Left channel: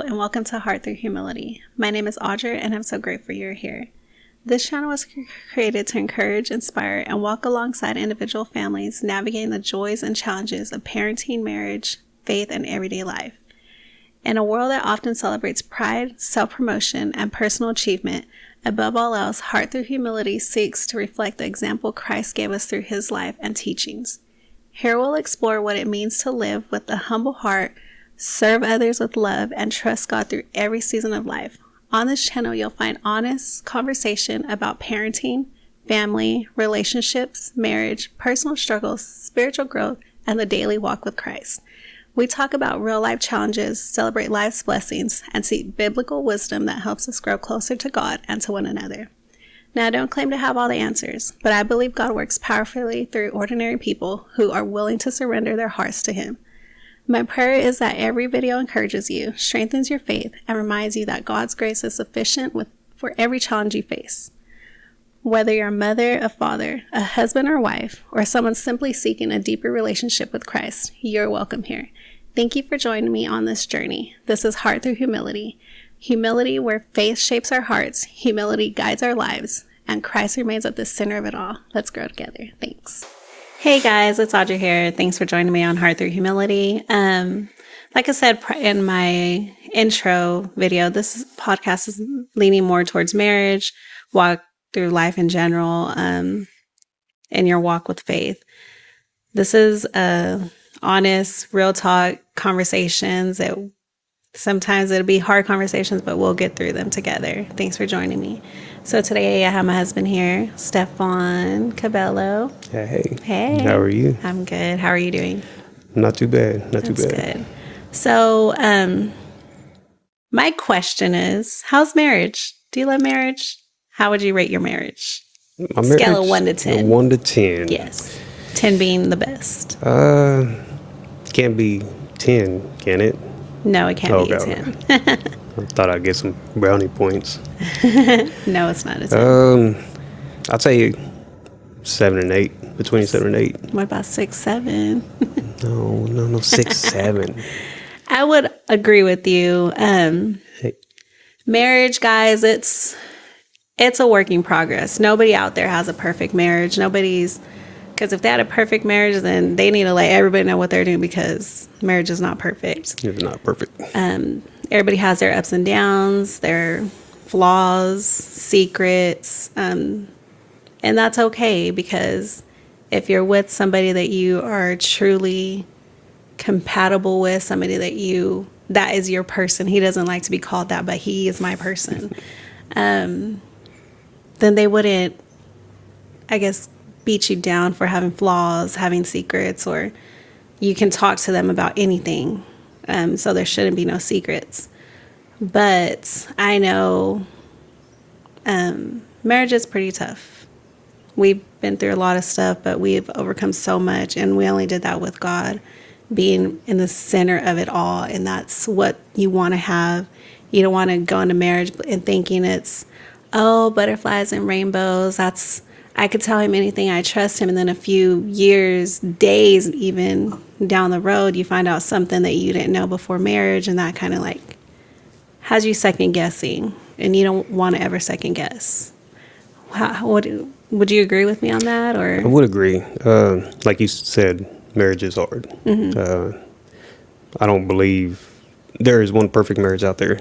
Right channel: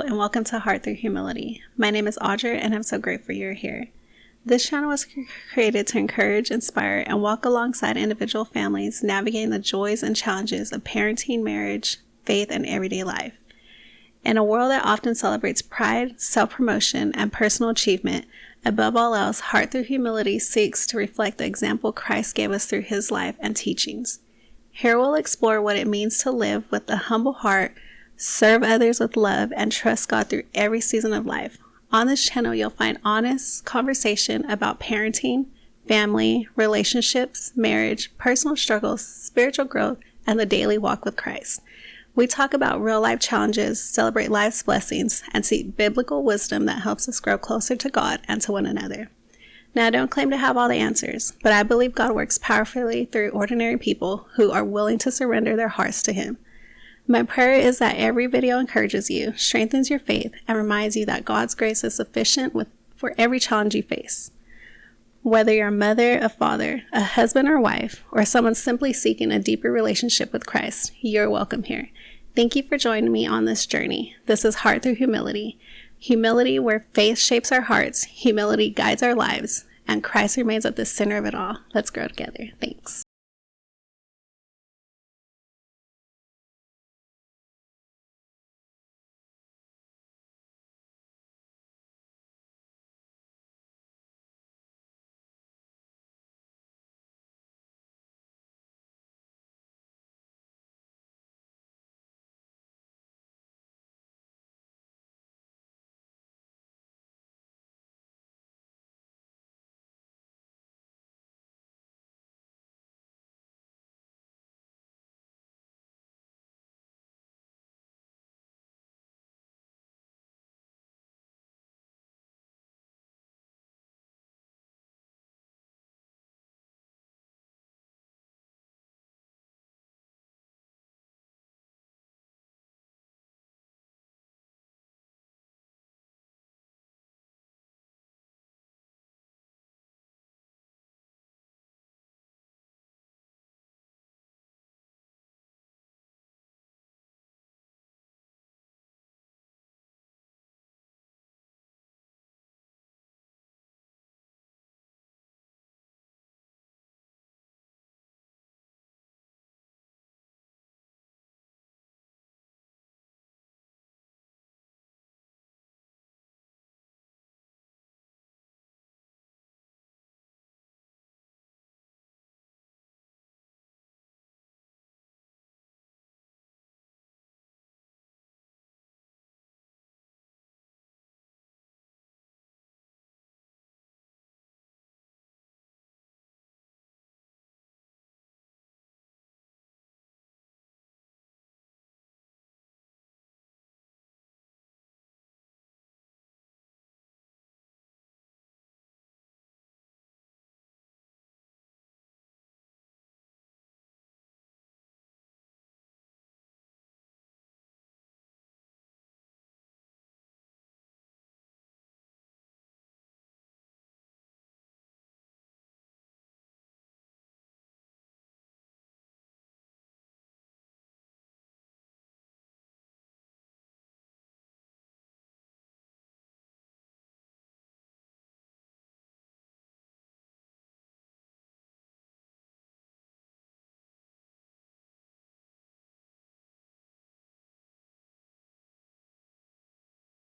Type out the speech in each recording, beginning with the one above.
and welcome to Heart Through Humility. My name is Audra, and I'm so grateful you're here. This channel was created to encourage, inspire, and walk alongside individual families navigating the joys and challenges of parenting, marriage, faith, and everyday life. In a world that often celebrates pride, self-promotion, and personal achievement, above all else, Heart Through Humility seeks to reflect the example Christ gave us through his life and teachings. Here we'll explore what it means to live with a humble heart, serve others with love, and trust God through every season of life. On this channel, you'll find honest conversation about parenting, family, relationships, marriage, personal struggles, spiritual growth, and the daily walk with Christ. We talk about real-life challenges, celebrate life's blessings, and seek biblical wisdom that helps us grow closer to God and to one another. Now, I don't claim to have all the answers, but I believe God works powerfully through ordinary people who are willing to surrender their hearts to him. My prayer is that every video encourages you, strengthens your faith, and reminds you that God's grace is sufficient for every challenge you face. Whether you're a mother, a father, a husband or wife, or someone simply seeking a deeper relationship with Christ, you're welcome here. Thank you for joining me on this journey. This is Heart Through Humility. Humility where faith shapes our hearts, humility guides our lives, and Christ remains at the center of it all. Let's grow together. Thanks. Hey guys, it's Audra here. Thanks for joining me on Heart Through Humility. Like I said in my intro video, this podcast is leaning more towards marriage, walk through life in general, in your walk with faith. This is honest, real talk conversations. Sometimes it'll be hard conversations, but we'll get through them together. Thanks for joining me. So today I have my husband here, Stefan Cabello. Hey. Hey. How are you? I'm good. How are you doing? Not too bad. Not too bad. That's good. So, my question is, how's marriage? Do you love marriage? How would you rate your marriage? My Scale of marriage, 1 to 10. 1 to 10. Yes. 10 being the best. Can't be 10, can it? No, it can't be a 10. I thought I'd get some brownie points. No, it's not a 10. I'd say 7 and 8, between 7 and 8. What about 6, 7? No, 6, 7. I would agree with you. Hey. Marriage, guys, it's a work in progress. Nobody out there has a perfect marriage. Because if they had a perfect marriage, then they need to let everybody know what they're doing, because marriage is not perfect. It's not perfect. Everybody has their ups and downs, their flaws, secrets, and that's okay, because if you're with somebody that you are truly compatible with, somebody that is your person, he doesn't like to be called that, but he is my person, then they wouldn't, I guess, beat you down for having flaws, having secrets, or you can talk to them about anything. So there shouldn't be no secrets. But I know marriage is pretty tough. We've been through a lot of stuff, but we've overcome so much, and we only did that with God being in the center of it all. And that's what you want to have. You don't want to go into marriage and thinking it's, oh, butterflies and rainbows. I could tell him anything, I trust him. And then a few years, days, even down the road, you find out something that you didn't know before marriage. And that kind of like has you second guessing, and you don't want to ever second guess. Would you agree with me on that? Or I would agree. Like you said, marriage is hard. Mm-hmm. I don't believe there is one perfect marriage out there.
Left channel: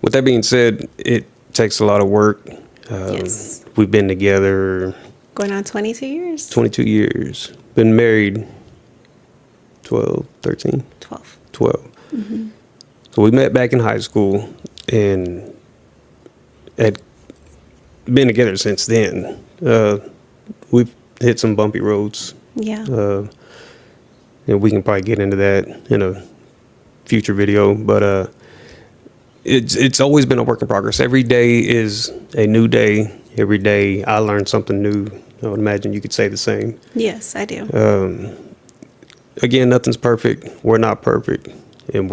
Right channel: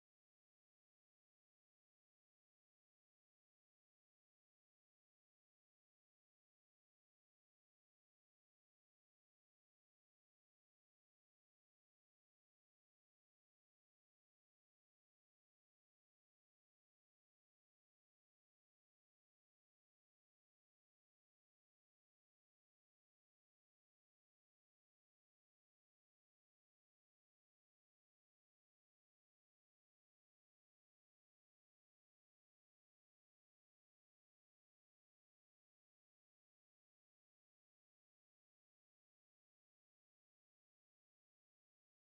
With that being said, it takes a lot of work. Yes. We've been together going on 22 years. 22 years. Been married 12. Mm-hmm. So we met back in high school and had been together since then. We've hit some bumpy roads. Yeah. And we can probably get into that in a future video, but it's always been a work in progress. Every day is a new day. Every day I learn something new. I would imagine you could say the same. Yes, I do. Again, nothing's perfect. We're not perfect. And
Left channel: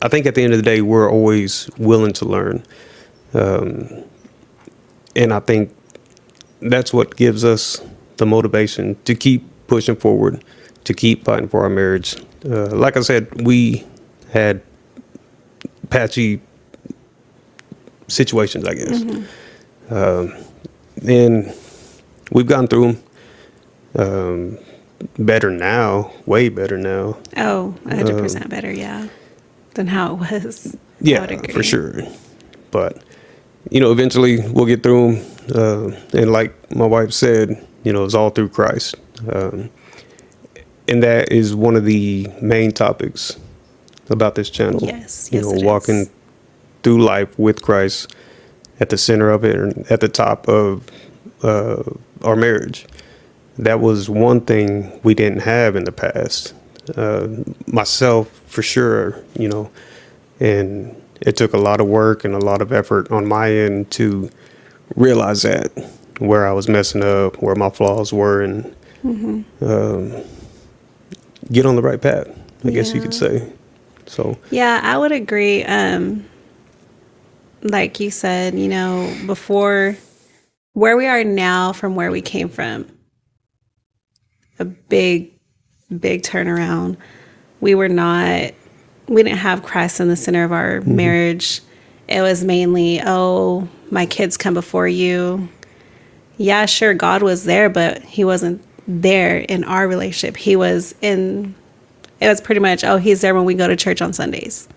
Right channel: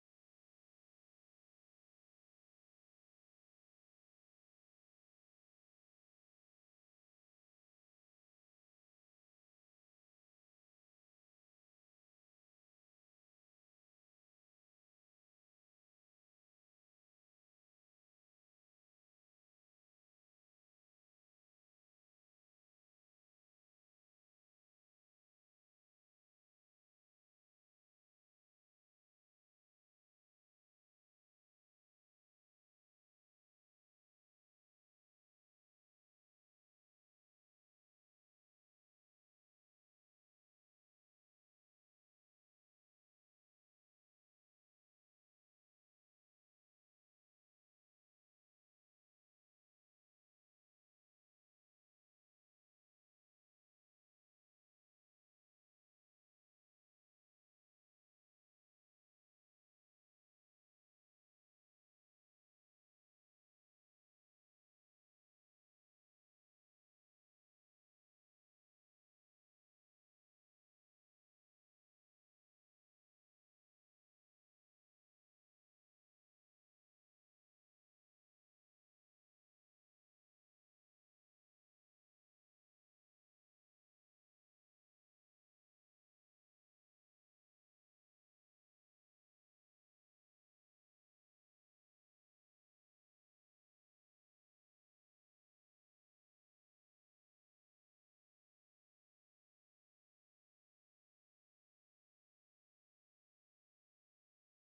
I think at the end of the day, we're always willing to learn. And I think that's what gives us the motivation to keep pushing forward, to keep fighting for our marriage. Like I said, we had patchy situations, I guess. And we've gone through them better now, way better now. Oh, 100% better, yeah, than how it was. I Yeah, would agree. for sure. But, eventually we'll get through them. And like my wife said, it's all through Christ. And that is one of the main topics about this channel. Yes, it walking is. through life with Christ at the center of it, and at the top of our marriage. That was one thing we didn't have in the past. Myself, for sure, and it took a lot of work and a lot of effort on my end to realize that, where I was messing up, where my flaws were, and get on the right path, I guess you could say. So Yeah, I would agree. Like you said, before where we are now from where we came from, a big, big turnaround. We didn't have Christ in the center of our marriage. It was mainly, oh, my kids come before you. Yeah, sure, God was there, but he wasn't there in our relationship. It was pretty much, oh, he's there when we go to church on Sundays.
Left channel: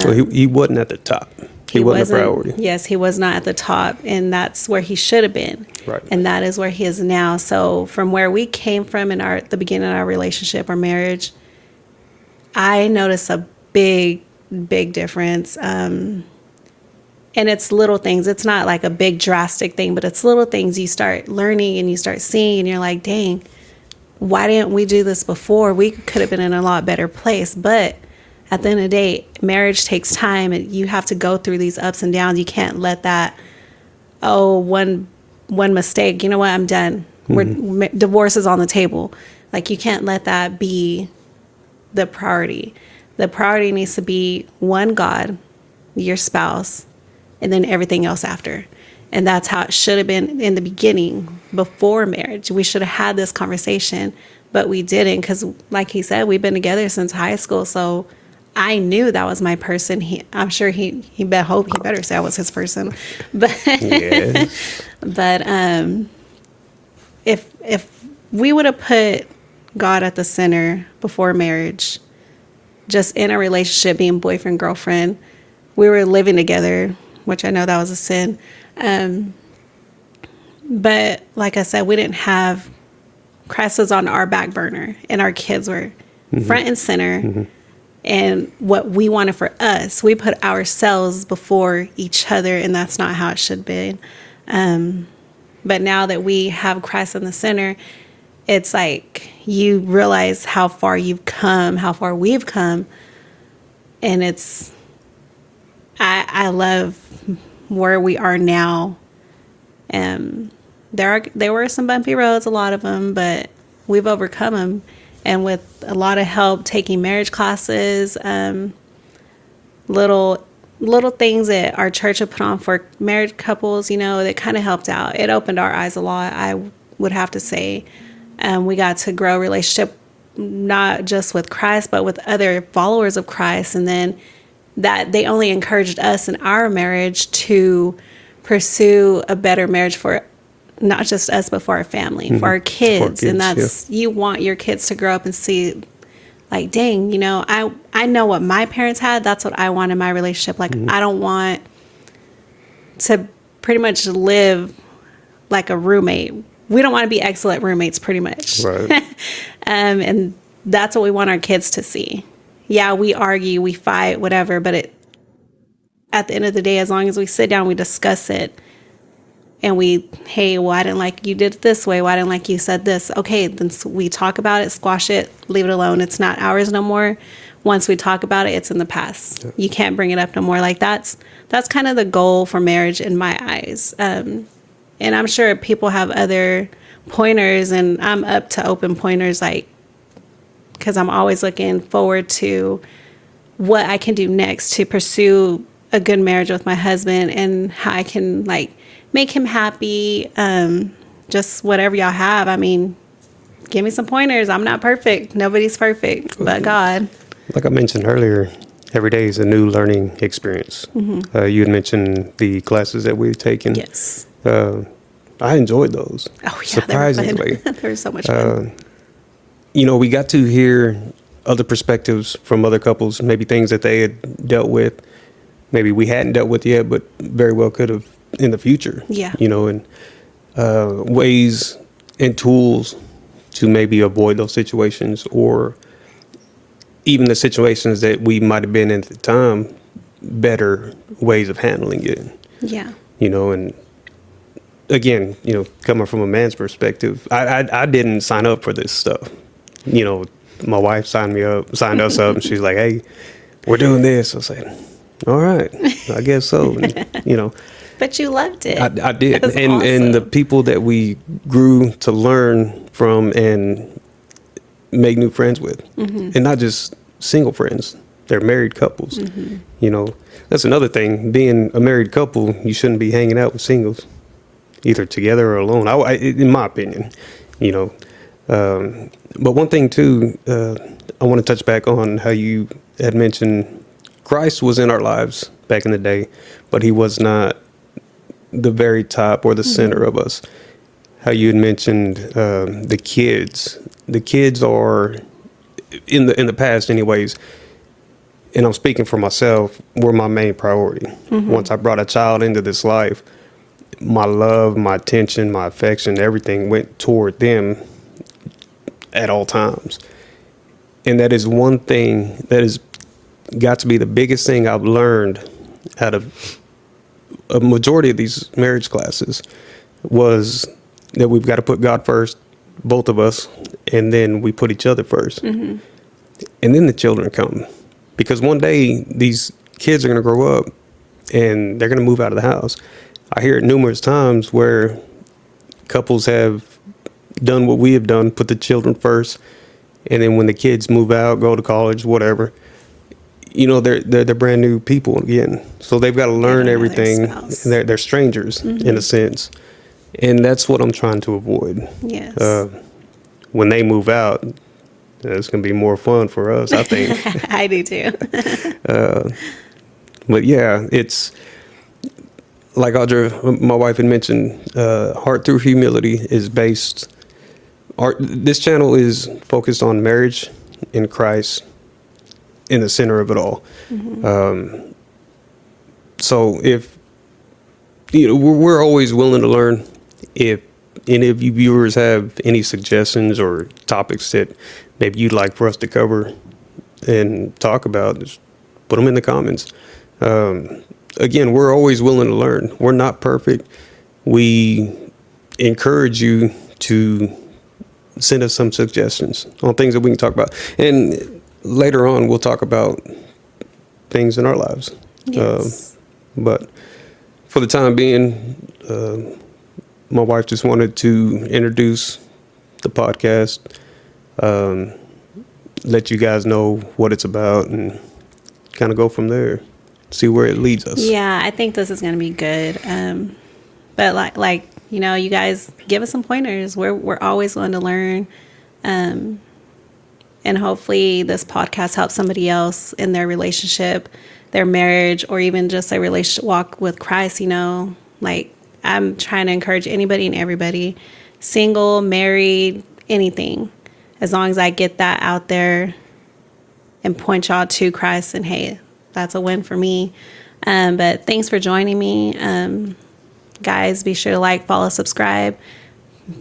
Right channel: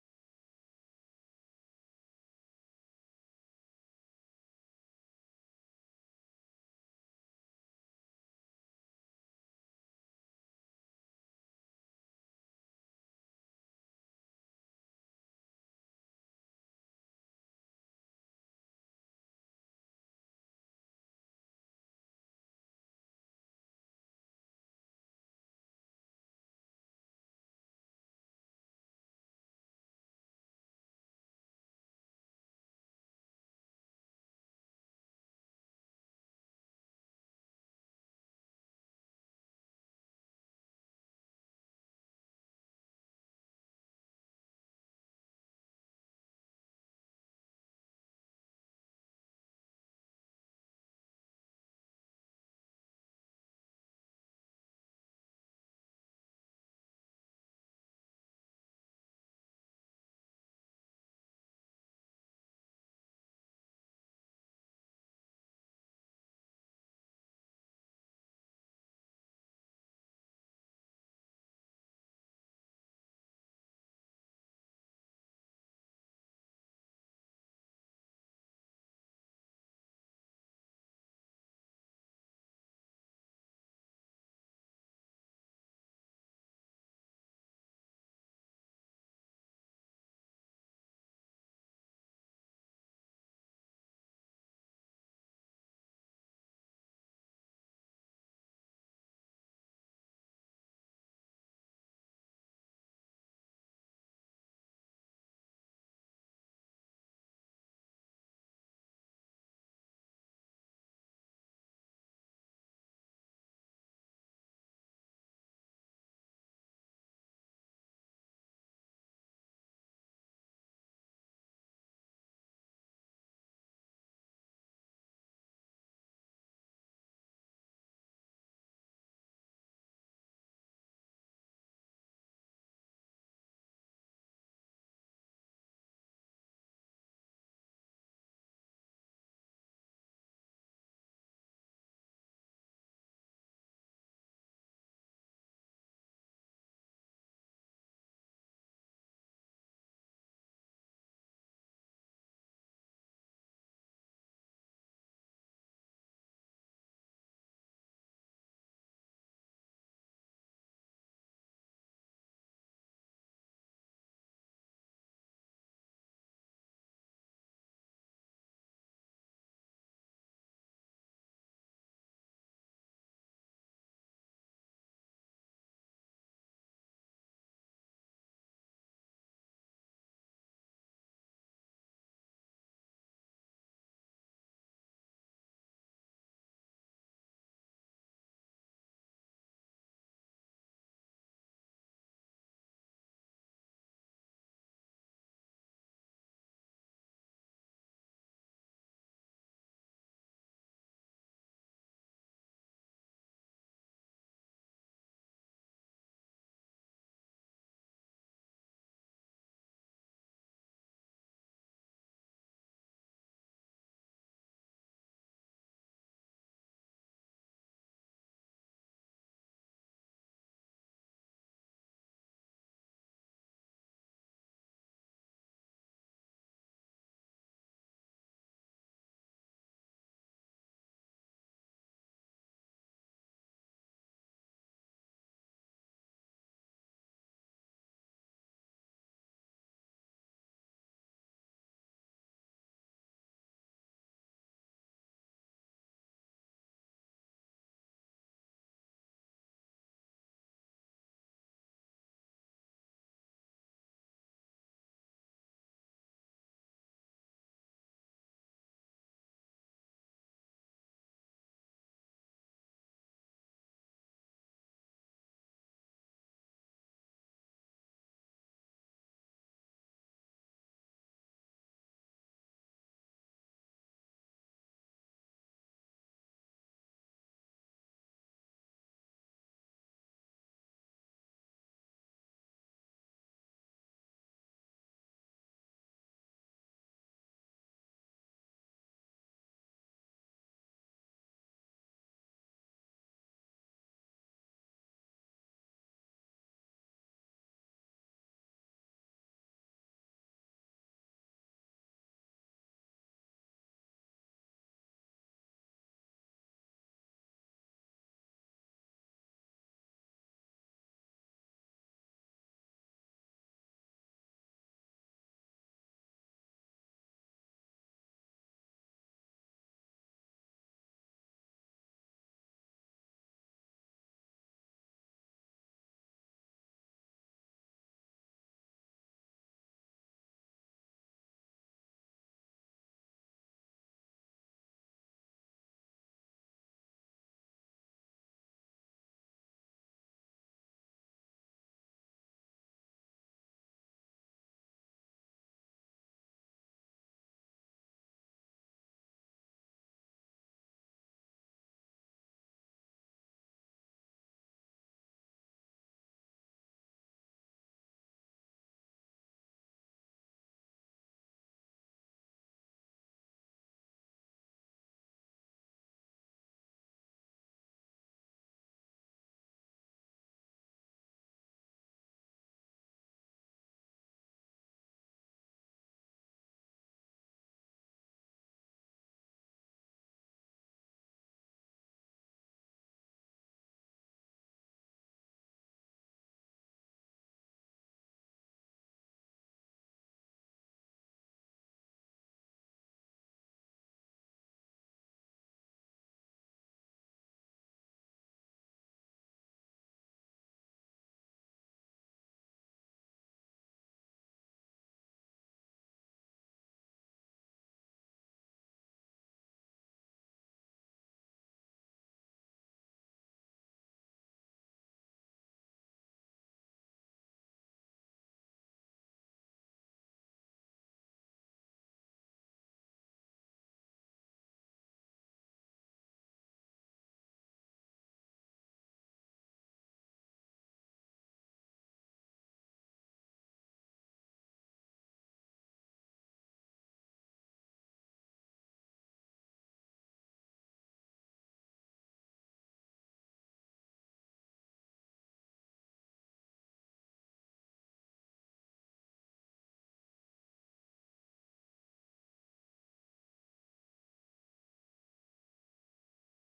so he wasn't at the top. He wasn't a priority. Yes, he was not at the top, and that's where he should have been. Right. And that is where he is now. So from where we came from in the beginning of our relationship, our marriage, I noticed a big, big difference. And it's little things. It's not like a big drastic thing, but it's little things you start learning and you start seeing, and you're like, dang, why didn't we do this before? We could have been in a lot better place. But at the end of the day, marriage takes time, and you have to go through these ups and downs. You can't let that, one mistake, you know what, I'm done. Divorce is on the table. Like, you can't let that be the priority. The priority needs to be one, God, your spouse, and then everything else after. And that's how it should have been in the beginning, before marriage. We should have had this conversation, but we didn't, because like he said, we've been together since high school. So I knew that was my person. I'm sure he better say I was his person. But Yes. but if we would have put God at the center before marriage, just in a relationship, being boyfriend, girlfriend, we were living together, which I know that was a sin. But like I said, we didn't have Christ was on our back burner, and our kids were front and center. And what we wanted for us, we put ourselves before each other, and that's not how it should be. But now that we have Christ in the center, it's like you realize how far you've come, how far we've come. And I love where we are now. There were some bumpy roads, a lot of them, but we've overcome them. And with a lot of help, taking marriage classes, little things that our church had put on for married couples, that kind of helped out. It opened our eyes a lot, I would have to say. We got to grow a relationship, not just with Christ, but with other followers of Christ. And then that they only encouraged us in our marriage to pursue a better marriage for not just us, but for our family, for our kids. And that's, you want your kids to grow up and see, like, dang, I know what my parents had. That's what I want in my relationship. Like, I don't want to pretty much live like a roommate. We don't want to be excellent roommates, pretty much. Right. And that's what we want our kids to see. Yeah, we argue, we fight, whatever, but at the end of the day, as long as we sit down, we discuss it, and hey, well, I didn't like you did it this way. Well, I didn't like you said this. Okay, then we talk about it, squash it, leave it alone. It's not ours no more. Once we talk about it, it's in the past. Yeah. You can't bring it up no more. Like, that's kind of the goal for marriage in my eyes. And I'm sure people have other pointers, and I'm up to open pointers, like, because I'm always looking forward to what I can do next to pursue a good marriage with my husband, and how I can, like, make him happy. Just whatever y'all have. I mean, give me some pointers. I'm not perfect. Nobody's perfect but God. Like I mentioned earlier, every day is a new learning experience. You had mentioned the classes that we've taken. Yes. I enjoyed those. Oh, yeah. Surprisingly. They were fun. They were so much fun. We got to hear other perspectives from other couples, maybe things that they had dealt with, maybe we hadn't dealt with yet, but very well could have in the future. Yeah. And ways and tools to maybe avoid those situations, or even the situations that we might have been in at the time, better ways of handling it. Yeah. And again, coming from a man's perspective, I didn't sign up for this stuff. My wife signed us up, and she's like, "Hey, we're doing this." I was like, "All right, I guess so." And, But you loved it. I did. That's And awesome. the people that we grew to learn from and make new friends with, and not just single friends, they're married couples. That's another thing. Being a married couple, you shouldn't be hanging out with singles, either together or alone. In my opinion, But one thing too, I want to touch back on how you had mentioned Christ was in our lives back in the day, but he was not the very top or the center of us. How you had mentioned the kids. The kids are in the past, anyways. And I'm speaking for myself, were my main priority. Once I brought a child into this life, my love, my attention, my affection, everything went toward them at all times. And that is one thing that has got to be the biggest thing I've learned out of a majority of these marriage classes, was that we've got to put God first, both of us, and then we put each other first. And then the children come. Because one day these kids are going to grow up and they're going to move out of the house. I hear it numerous times where couples have done what we have done, put the children first, and then when the kids move out, go to college, whatever, they're brand new people again. So they've got to learn everything. They're strangers in a sense. And that's what I'm trying to avoid. Yes. When they move out, it's going to be more fun for us, I think. I do too. But yeah, it's like Audra, my wife, had mentioned, Heart Through Humility is based. This channel is focused on marriage in Christ in the center of it all. So if we're always willing to learn. If any of you viewers have any suggestions or topics that maybe you'd like for us to cover and talk about, just put them in the comments. Again, we're always willing to learn. We're not perfect. We encourage you to send us some suggestions on things that we can talk about. And later on, we'll talk about things in our lives. Yes. But for the time being, my wife just wanted to introduce the podcast, let you guys know what it's about, and kind of go from there, see where it leads us. Yeah, I think this is going to be good. But like you guys give us some pointers. We're always willing to learn. And hopefully this podcast helps somebody else in their relationship, their marriage, or even just a relationship walk with Christ. Like, I'm trying to encourage anybody and everybody, single, married, anything, as long as I get that out there and point y'all to Christ, and hey, that's a win for me. But thanks for joining me. Guys, be sure to like, follow, subscribe,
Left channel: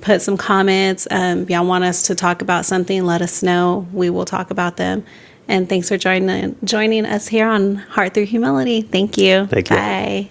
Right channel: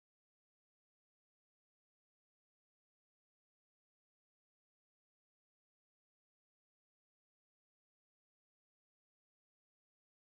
put some comments. If y'all want us to talk about something, let us know. We will talk about them. And thanks for joining us here on Heart Through Humility. Thank you. Thank you. Bye.